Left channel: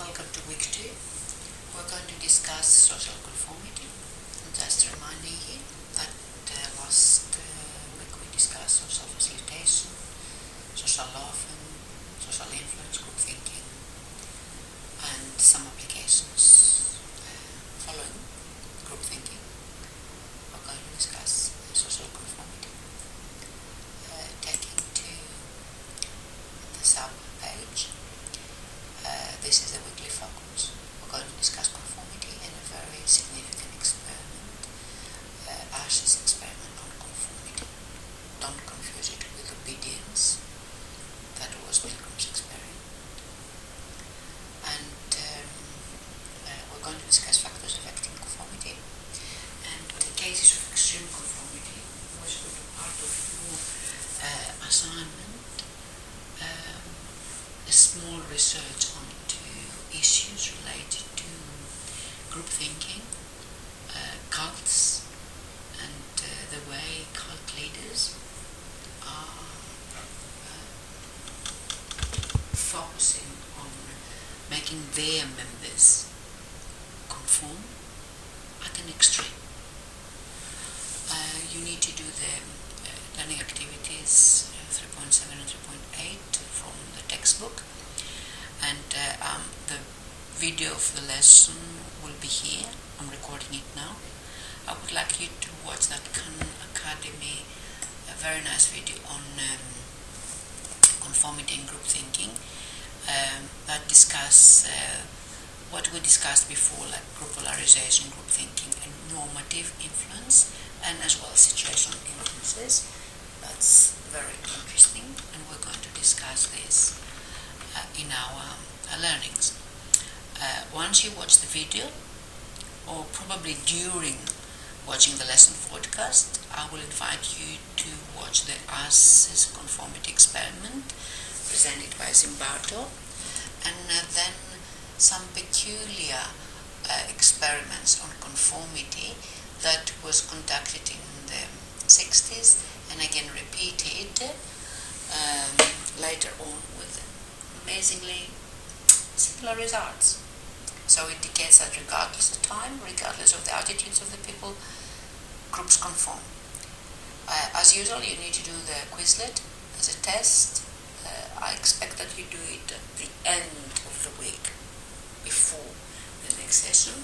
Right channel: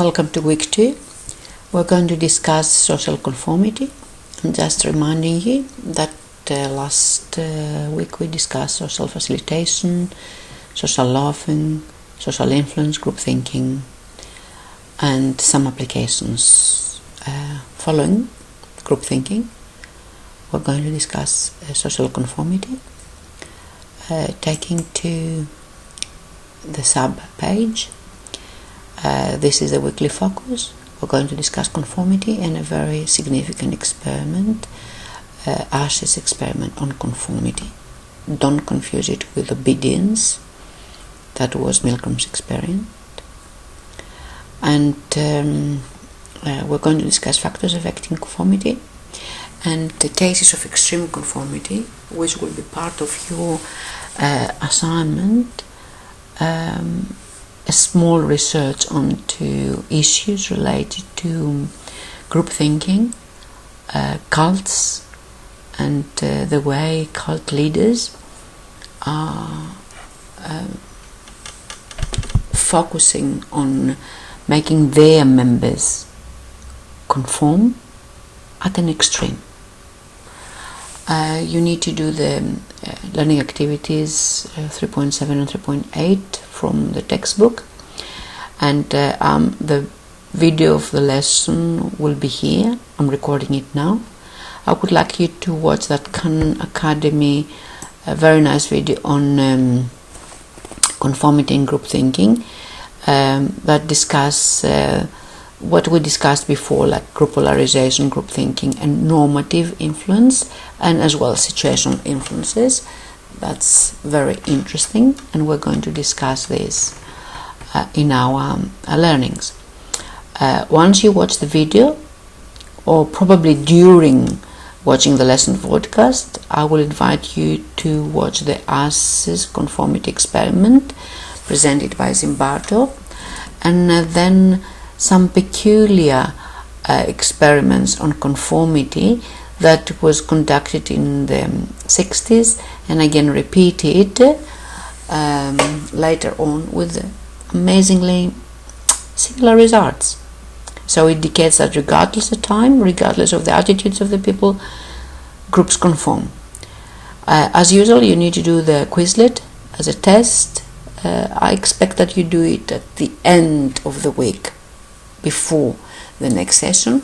Welcome to week 2. We're going to discuss social conformity. I'm just reminding you that last week we discussed social facilitation, social loafing, social influence, group thinking, and some applications. Following group thinking, we're going to discuss social conformity, taking to the sub page. This is a weekly focus. We're going to discuss conformity and a very significant experiment, Ash's experiment on conformity. Don't confuse it with obedience. That was Milgram's experiment. And we're going to discuss factors affecting conformity and the cases of extreme conformity, which will be part of your assignment. A small research onto issues related to group thinking, cults, and the way cult leaders are focusing on making their members conform at an extreme. You need to do the learning activities 3.7 and 3.8 from the textbook, and the video of the lesson will be here. I'm recording it now. I would like you to watch that Khan Academy, a very nice video on conformity and group thinking that discuss what we discussed before, like group polarization, group thinking, and normative influence, and as well situational influences. That's very interesting, and we're going to discuss this in our learnings. Once you watch the video, or probably during watching the lesson podcast, I will invite you to watch the Ash's conformity experiment presented by Zimbardo, and then some peculiar experiments on conformity that was conducted in the 60s and again repeated later on with amazingly similar results. So it indicates that regardless of time, regardless of the attitudes of the people, groups conform. As usual, you need to do the Quizlet as a test. I expect that you do it at the end of the week, before the next session.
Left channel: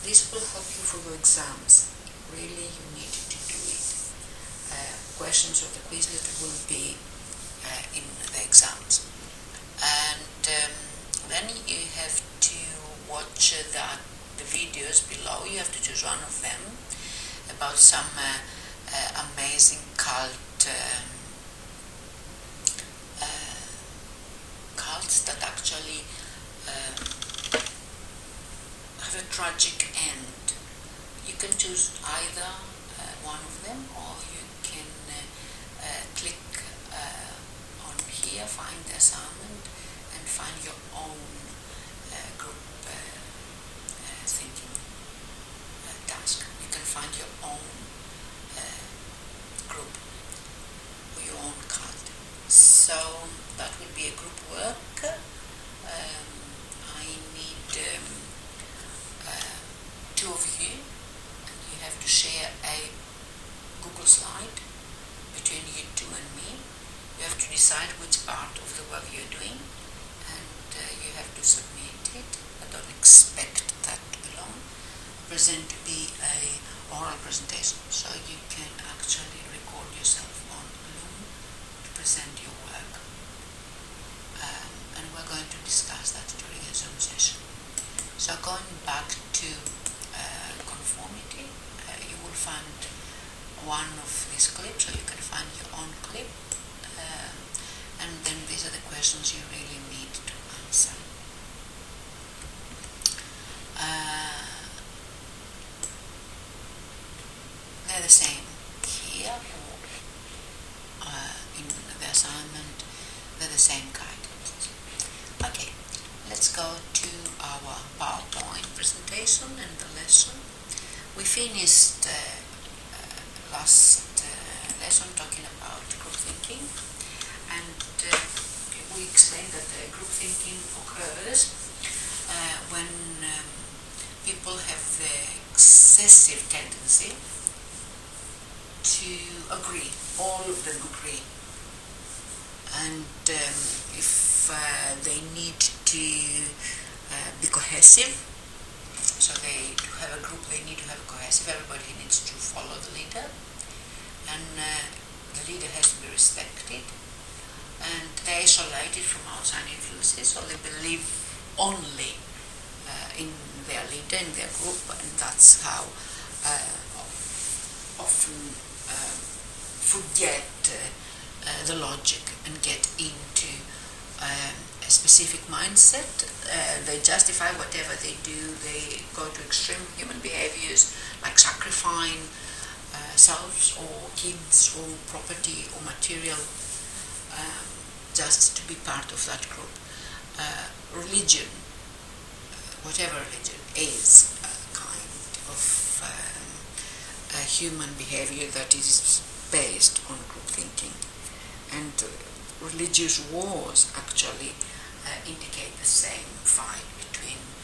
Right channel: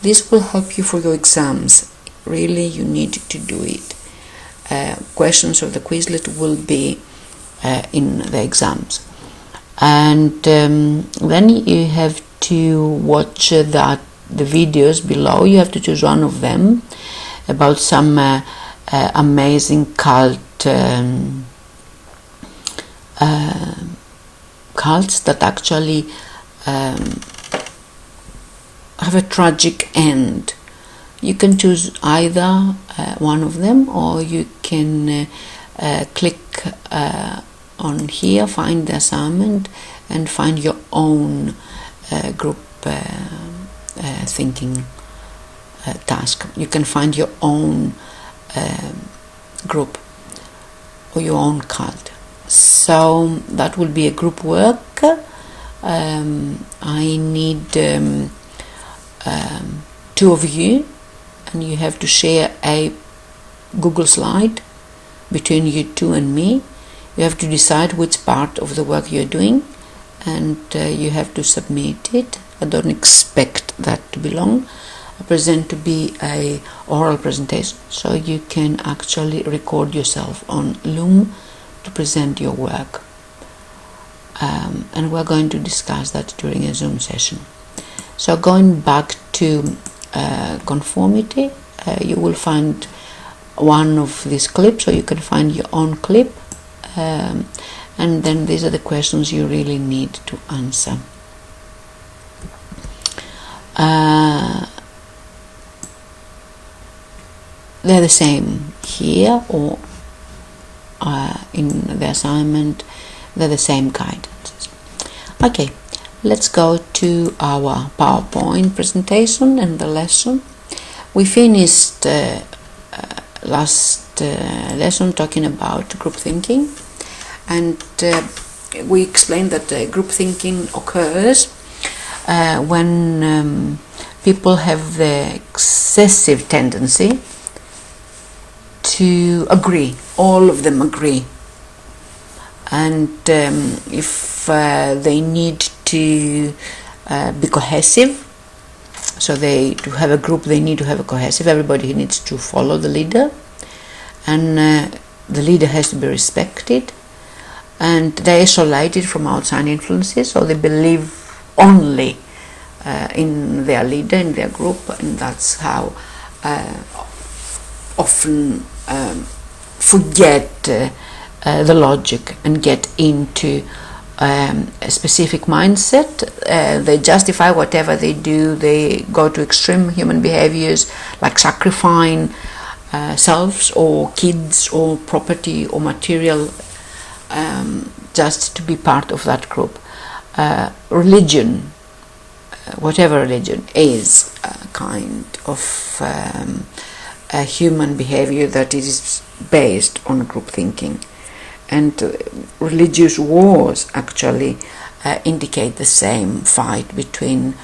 This will help you for your exams. Really, you need to do it. Questions of the Quizlet will be in the exams. And then you have to watch the videos below. You have to choose one of them about some amazing cults that actually have a tragic end. You can choose either one of them, or you can click on here, find the assignment, and find your own group thinking task. You can find your own group or your own cult. So that will be a group work. I need 2 of you, and you have to share a Google slide between you 2 and me. You have to decide which part of the work you're doing, and you have to submit it. I don't expect that to be long. I present to be a oral presentation, so you can actually record yourself on Loom to present your work. And we're going to discuss that during a Zoom session. So going back to conformity, you will find one of these clips, or you can find your own clip, and then these are the questions you really need to answer. They're the same here, or in the assignment, they're the same guidance. Okay, let's go to our PowerPoint presentation and the lesson. We finished last lesson talking about group thinking, and we explained that group thinking occurs when people have the excessive tendency to agree, all of them agree, and if they need to be cohesive, so to have a group they need to have a cohesive, everybody needs to follow the leader, and the leader has to be respected, and they're isolated from outside influences, so they believe only in their leader, in their group, and that's how often forget the logic and get into a specific mindset. They justify whatever they do. They go to extreme human behaviors like sacrificing selves or kids or property or material just to be part of that group. Religion, whatever religion, is a kind of a human behavior that is based on group thinking, and religious wars actually indicate the same fight between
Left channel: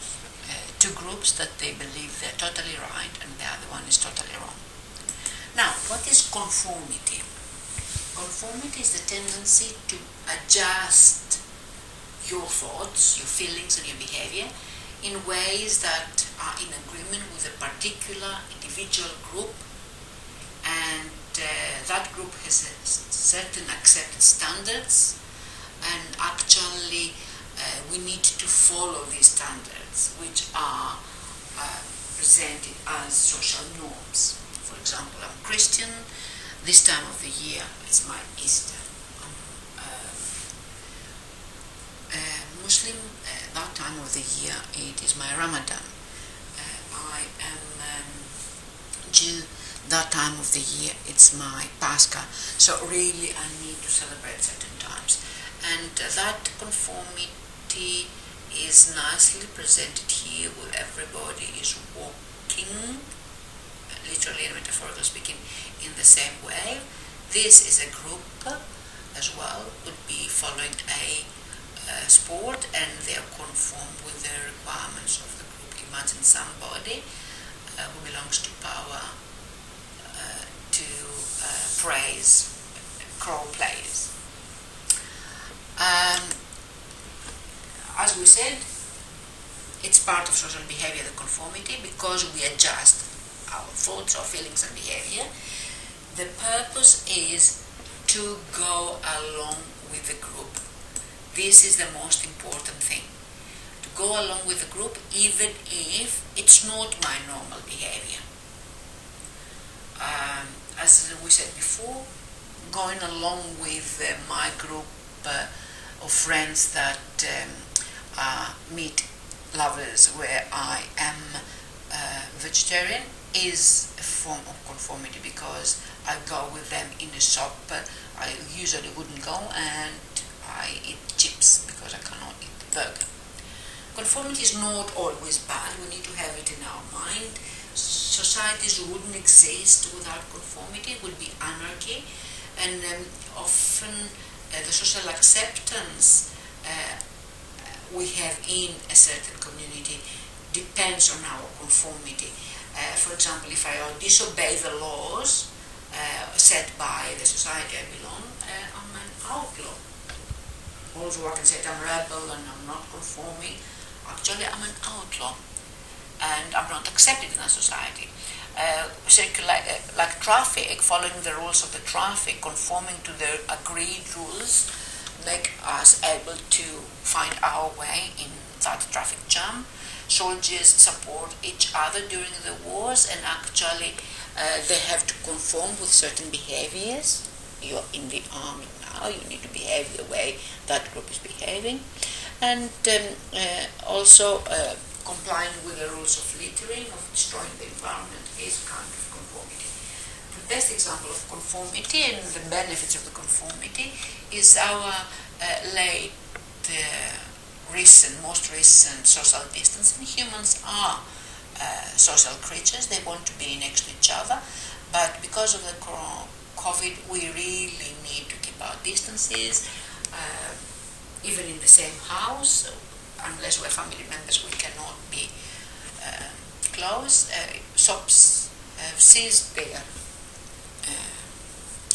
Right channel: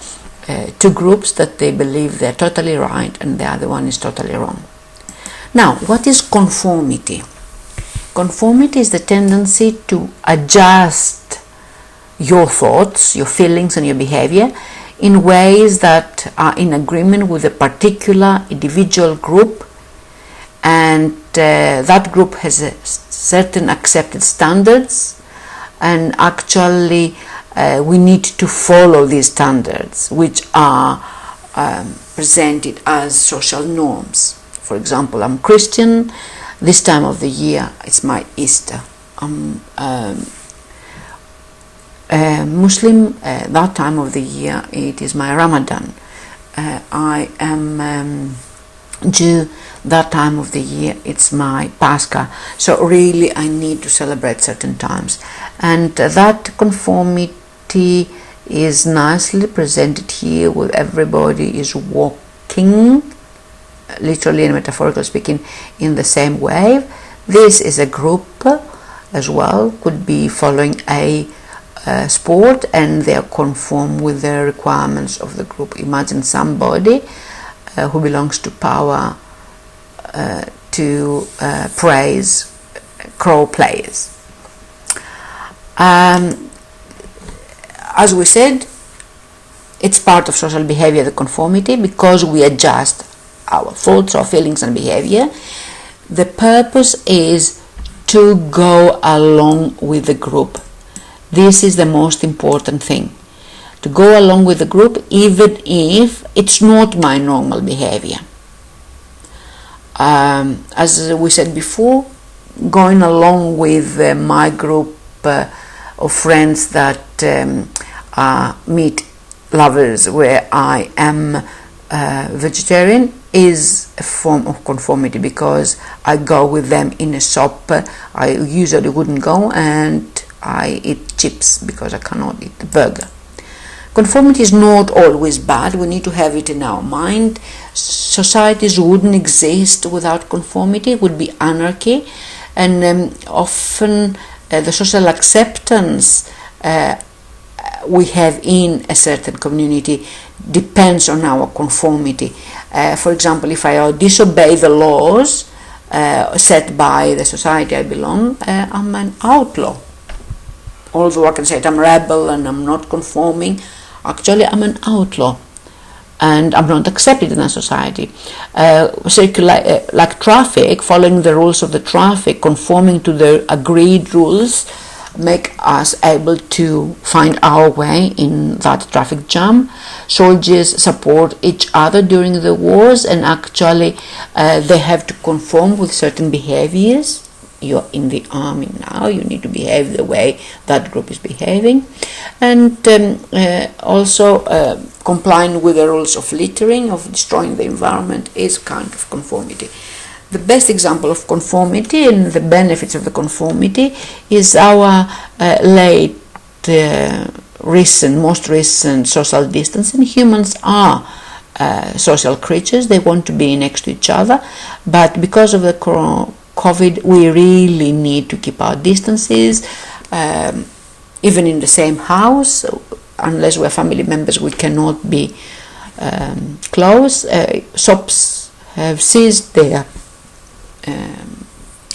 two groups that they believe they're totally right and the other one is totally wrong. Now, what is conformity? Conformity is the tendency to adjust your thoughts, your feelings and your behavior in ways that are in agreement with a particular individual group, and that group has a certain accepted standards, and actually we need to follow these standards, which are presented as social norms. For example, I'm Christian, this time of the year it's my Easter. I'm Muslim, that time of the year it is my Ramadan. I am Jew, that time of the year it's my Pascha. So really I need to celebrate certain times, and that conformity is nicely presented here, where everybody is walking, literally and metaphorically speaking, in the same way. This is a group as well, could be following a sport, and they conform with the requirements of the group. Imagine somebody who belongs to power to praise crow players. As we said, it's part of social behavior, the conformity, because we adjust our thoughts, our feelings and behavior. The purpose is to go along with the group. This is the most important thing, to go along with the group even if it's not my normal behavior. As we said before, going along with my group of friends that meat lovers, where I am vegetarian, is a form of conformity, because I go with them in a shop I usually wouldn't go, and I eat chips because I cannot eat the burger. Conformity is not always bad. We need to have it in our mind. Societies wouldn't exist without conformity. It would be anarchy, and often the social acceptance we have in a certain community depends on our conformity. For example, if I disobey the laws set by the society I belong, I'm an outlaw. Although I can say I'm a rebel and I'm not conforming, actually I'm an outlaw and I'm not accepted in a society. Like traffic, following the rules of the traffic, conforming to the agreed rules, make us able to find our way in that traffic jam. Soldiers support each other during the wars, and actually they have to conform with certain behaviors. You're in the army now, you need to behave the way that group is behaving, and also complying with the rules of littering, of destroying the environment, is kind of conformity. The best example of conformity and the benefits of the conformity is our most recent social distancing. Humans are social creatures. They want to be next to each other, but because of the COVID, we really need to keep our distances, even in the same house. unless we're family members, we cannot be close. Shops have ceased their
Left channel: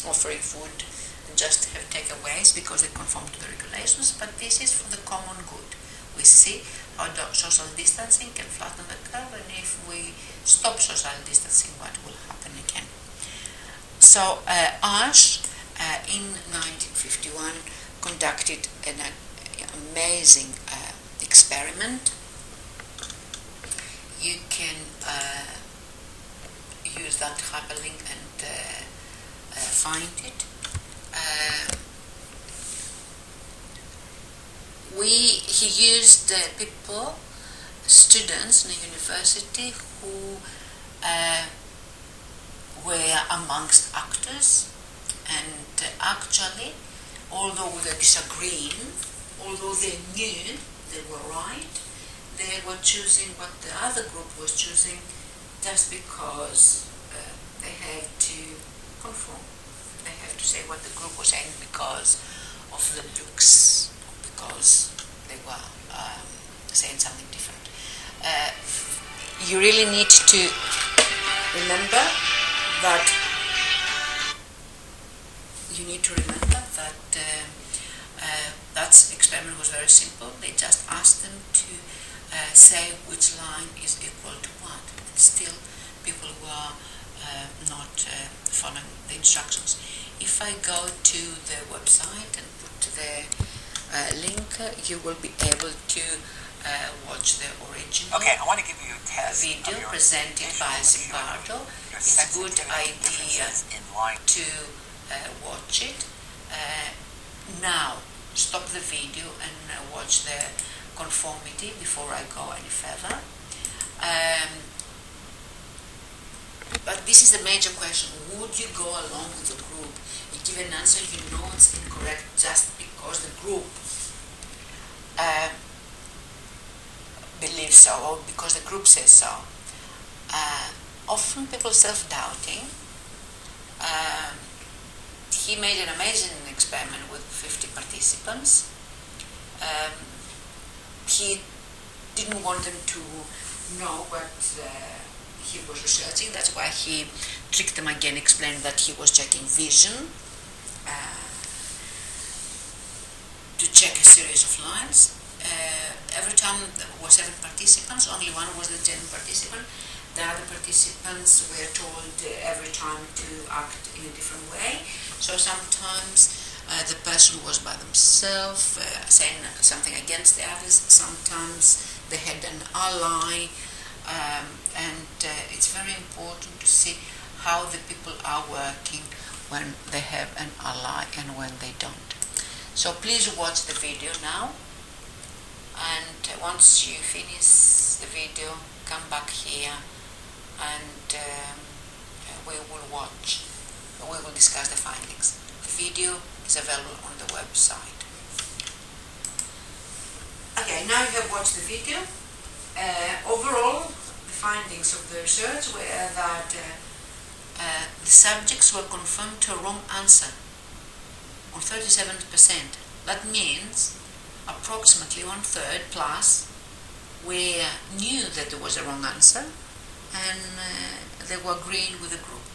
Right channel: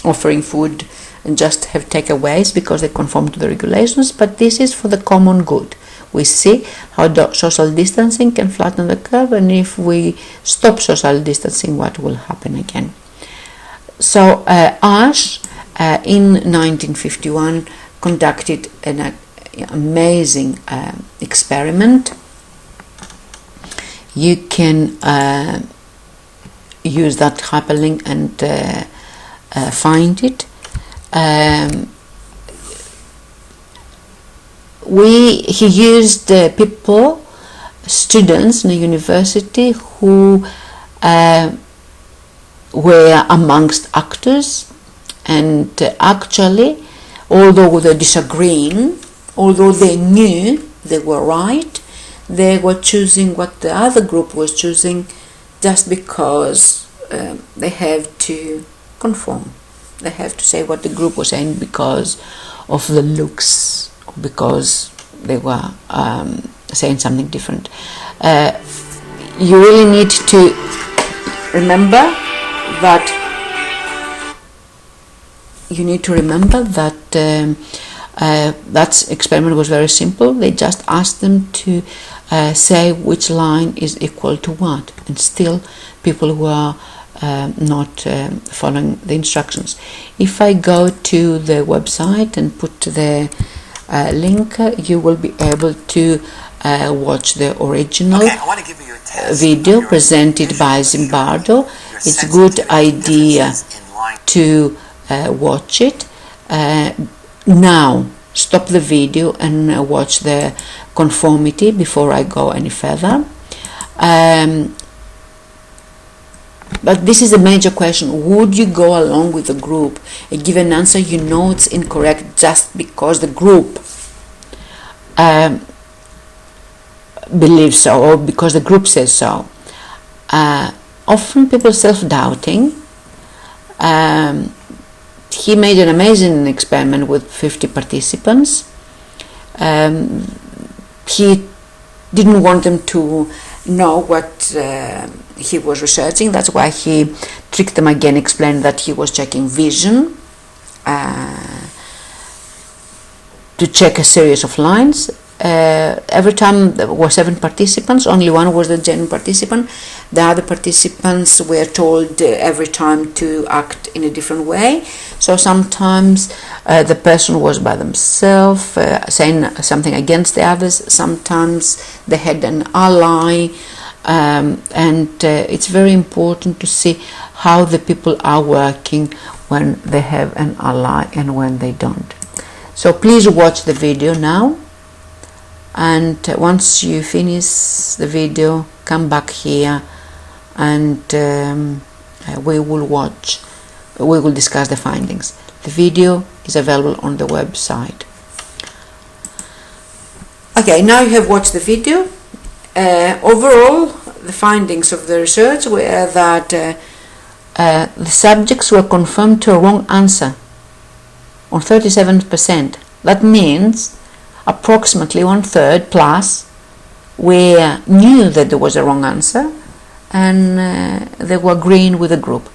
offering food and just have takeaways because they conform to the regulations, but this is for the common good. We see how social distancing can flatten the curve, and if we stop social distancing, what will happen again. So Ash in 1951 conducted an amazing experiment. You can use that hyperlink and find it. He used people, students in a university who were amongst actors, and actually, although they're disagreeing, although they knew they were right, they were choosing what the other group was choosing just because they have to conform. They have to say what the group was saying because of the looks, because they were saying something different. You really need to remember that that experiment was very simple. They just asked them to say which line is equal to what, and still people were not following the instructions. If I go to the website and put the link, you will be able to watch the original video presented by Zimbardo. It's a good idea to watch it. Now stop the video and watch the conformity before I go any further. But this is a major question. Would you go along with the group and give an answer you know it's incorrect just because the group believes so, or because the group says so? Often people are self-doubting. He made an amazing experiment with 50 participants. He didn't want them to know what he was researching. That's why he tricked them again, explained that he was checking vision to check a series of lines. Every time there were 7 participants, only one was the genuine participant. The other participants were told every time to act in a different way. So sometimes the person was by themselves, saying something against the others. Sometimes they had an ally, and it's very important to see how the people are working when they have an ally and when they don't. So please watch the video now, and once you finish the video, come back here and we will discuss the findings. The video is available on the website. Okay, now you have watched the video. Overall, the findings of the research were that the subjects were confirmed to a wrong answer on 37%. That means approximately 1/3 plus knew that there was a wrong answer, and they were agreeing with the group.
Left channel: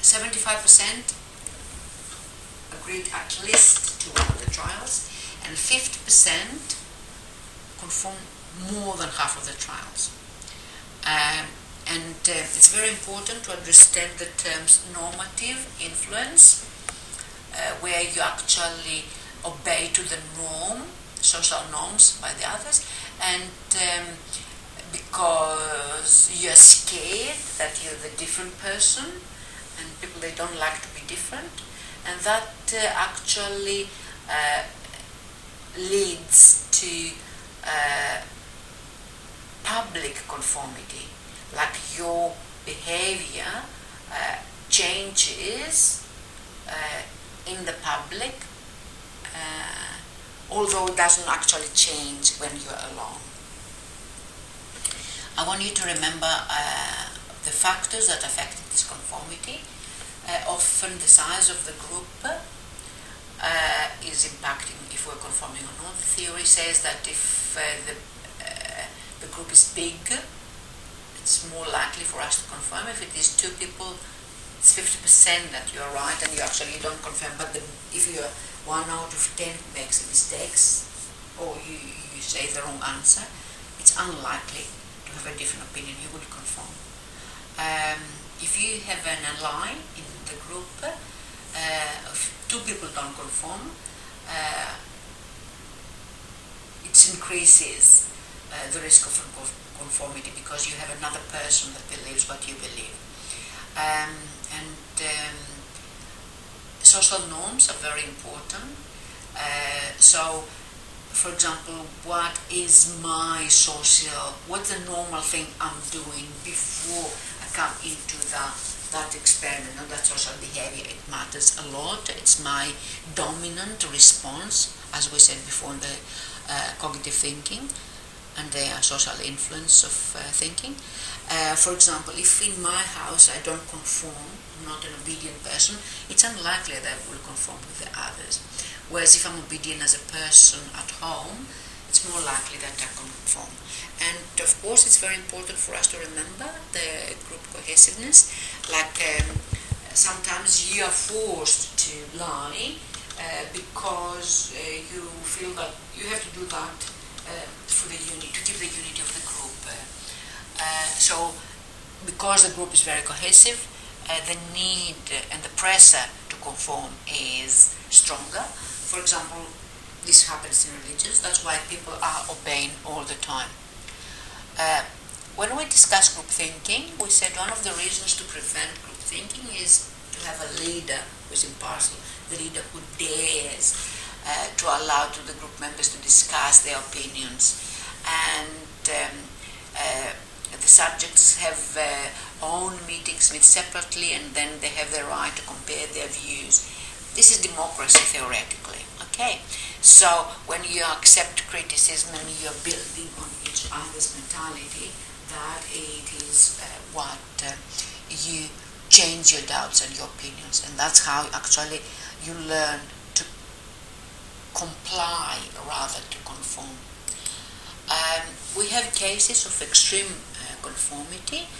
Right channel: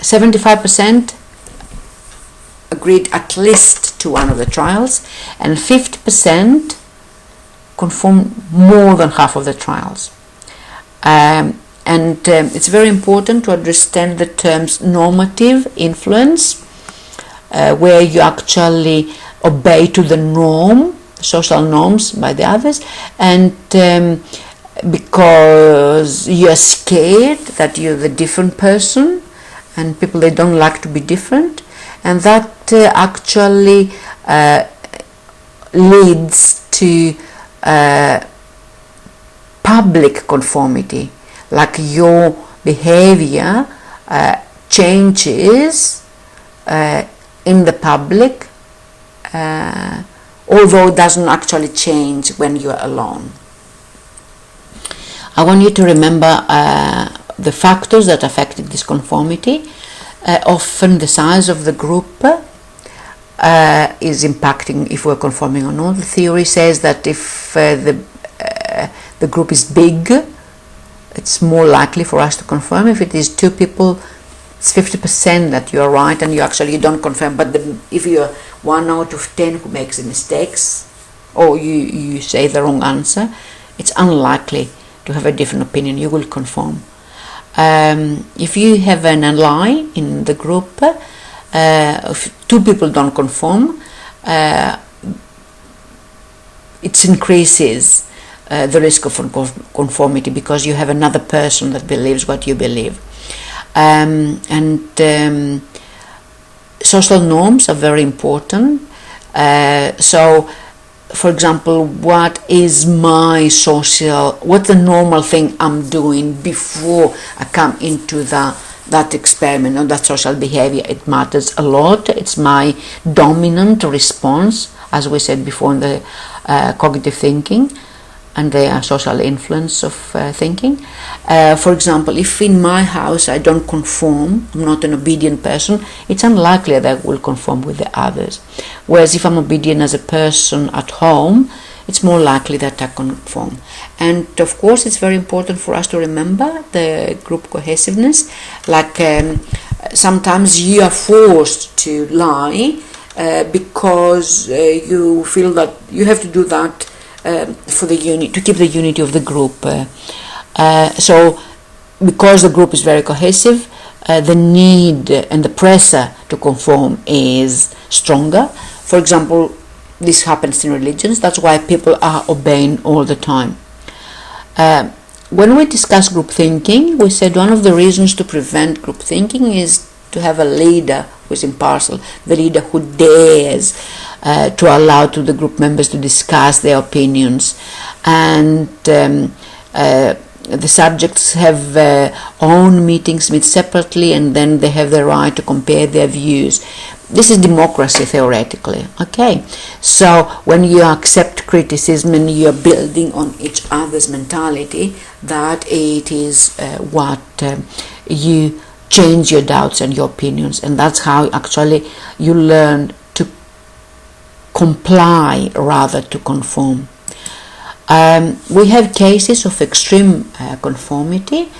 75% agreed at least to one of the trials, and 50% conformed more than half of the trials. It's very important to understand the terms normative influence, where you actually obey to the norm, social norms by the others, and because you're scared that you're the different person, and people, they don't like to be different, and that actually leads to public conformity, like your behavior changes in the public, although it doesn't actually change when you're alone. I want you to remember the factors that affected this conformity. Often the size of the group, is impacting if we're conforming or not. The theory says that if the group is big, it's more likely for us to confirm. If it is 2 people, it's 50% that you're right and you don't confirm. But if you're 1 out of 10 who makes mistakes, or you say the wrong answer, it's unlikely to have a different opinion. You will conform. If you have an ally in the group, if 2 people don't conform, it increases the risk of conformity, because you have another person that believes what you believe. Social norms are very important. So, for example, what's the normal thing I'm doing before I come into that experiment or that social behavior? It matters a lot. It's my dominant response, as we said before, in the cognitive thinking and the social influence of thinking. For example, if in my house I don't conform, I'm not an obedient person, it's unlikely that I will conform with the others. Whereas if I'm obedient as a person at home, it's more likely that I conform. And of course, it's very important for us to remember the group cohesiveness. Like sometimes you are forced to lie because you feel that you have to do that for the to keep the unity of the group. So because the group is very cohesive, the need and the pressure to conform is stronger. For example, this happens in religions. That's why people are obeying all the time. When we discuss group thinking, we said one of the reasons to prevent group thinking is to have a leader who is impartial, the leader who dares to allow to the group members to discuss their opinions, and the subjects have own meetings, meet separately, and then they have the right to compare their views. This is democracy theoretically. Okay, so when you accept criticism and you are building on each other's mentality, that it is what you change your doubts and your opinions, and that's how actually you learn to comply rather to conform. We have cases of extreme conformity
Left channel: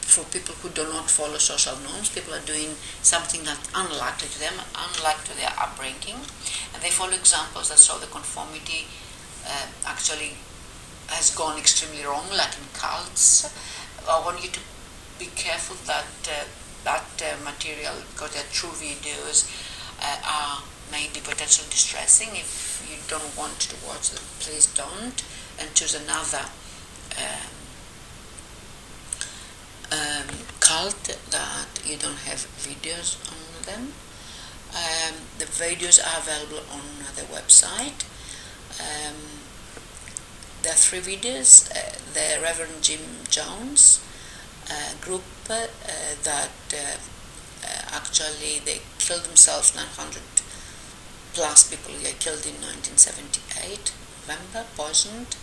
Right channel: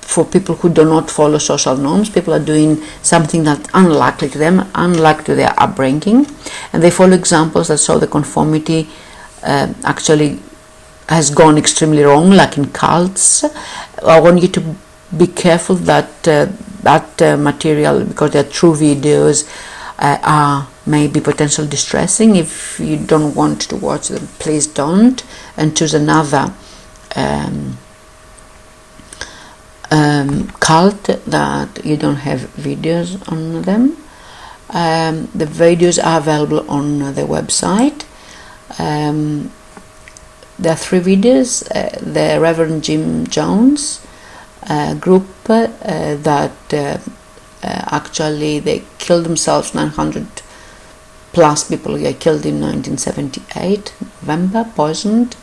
for people who do not follow social norms. People are doing something that's unlikely to them, unlike to their upbringing, and they follow examples that show the conformity actually has gone extremely wrong, like in cults. I want you to be careful that that material, because they're true videos, may be potentially distressing. If you don't want to watch them, please don't, and choose another cult that you don't have videos on them. The videos are available on the website. There are 3 videos. The Reverend Jim Jones group that actually they killed themselves. 900 plus people were killed in 1978, November, poisoned.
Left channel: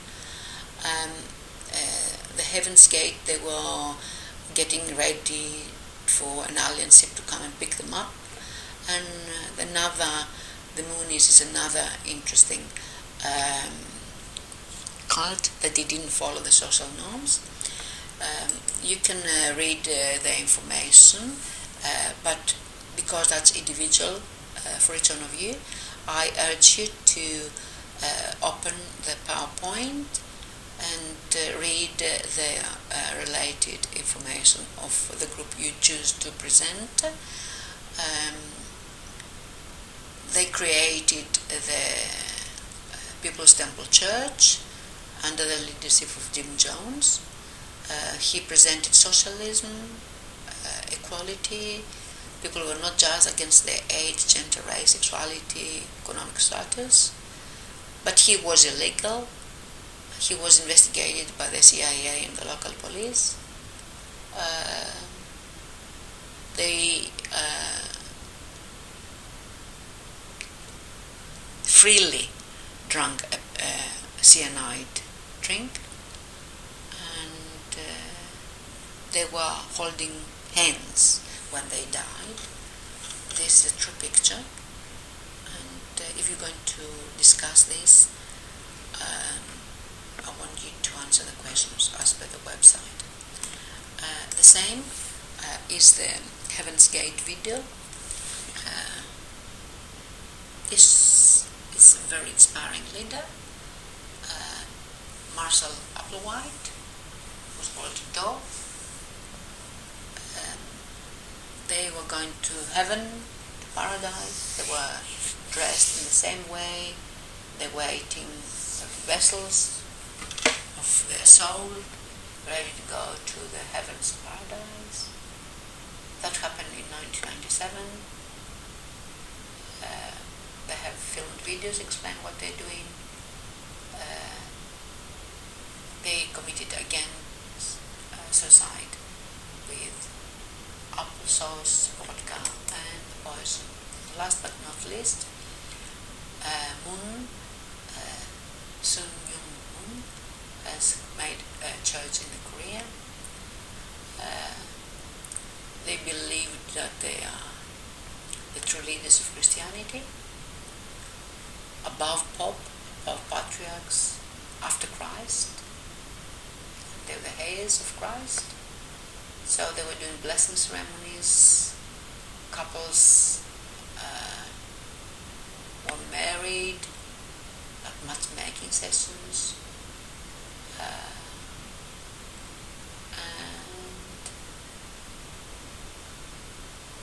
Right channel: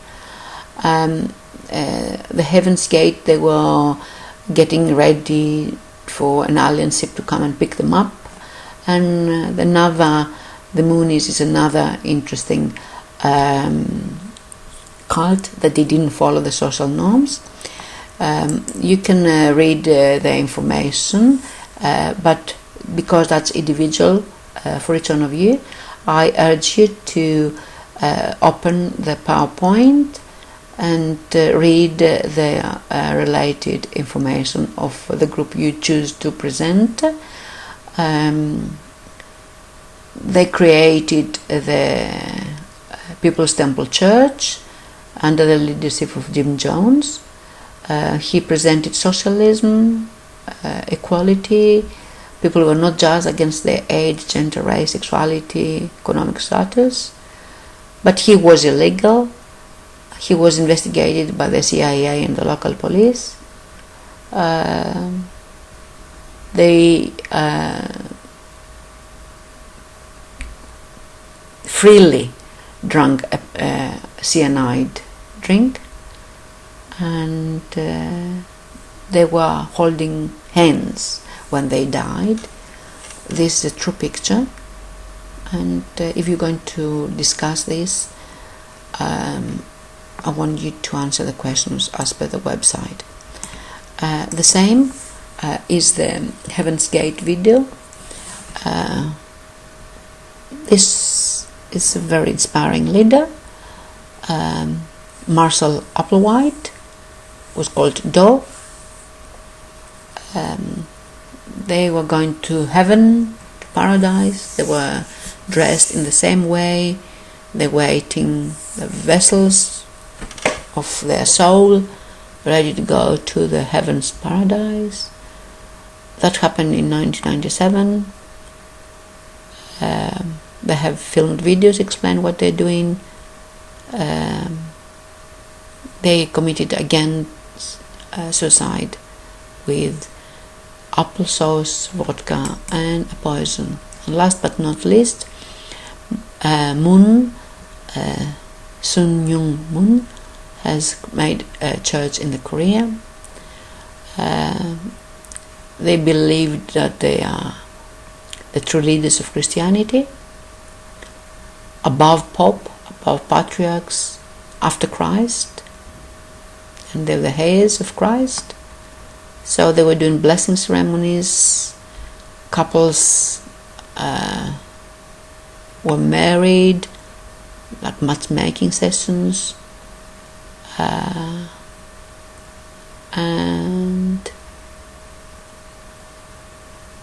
The Heaven's Gate, they were getting ready for an alien ship to come and pick them up. And the Moonies is another interesting cult that they didn't follow the social norms. You can read the information, but because that's individual for each one of you, I urge you to open the PowerPoint and read the related information of the group you choose to present. They created the People's Temple Church under the leadership of Jim Jones. He presented socialism, equality. People were not judged against their age, gender, race, sexuality, economic status. But he was illegal. He was investigated by the CIA and the local police. They freely drank a cyanide drink, and they were holding hands when they died. this is a true picture, and if you're going to discuss this, I want you to answer the questions as per the website. The same is the Heaven's Gate video. This is a very inspiring leader. Marshall Applewhite was called Do. They were going to heaven, to paradise. They were dressed in the same way. They were eating the vessels of their soul, ready to go to the heaven's paradise. That happened in 1997. They have filmed videos explain what they're doing. They committed again suicide with applesauce, vodka, and a poison. And last but not least, Moon, Sun Myung Moon, has made a church in the Korea. They believe that they are the true leaders of Christianity, above Pope, above patriarchs, after Christ, and they're the heirs of Christ. So they were doing blessing ceremonies, couples were married, like matchmaking sessions, and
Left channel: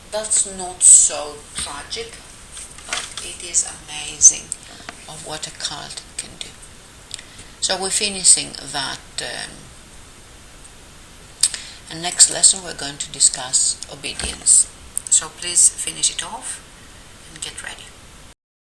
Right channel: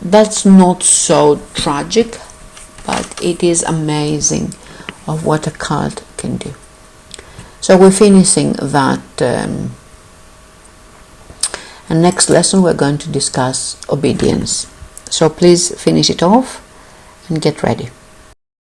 that's not so tragic, but it is amazing of what a cult can do. So we're finishing that, and next lesson we're going to discuss obedience. So please finish it off and get ready.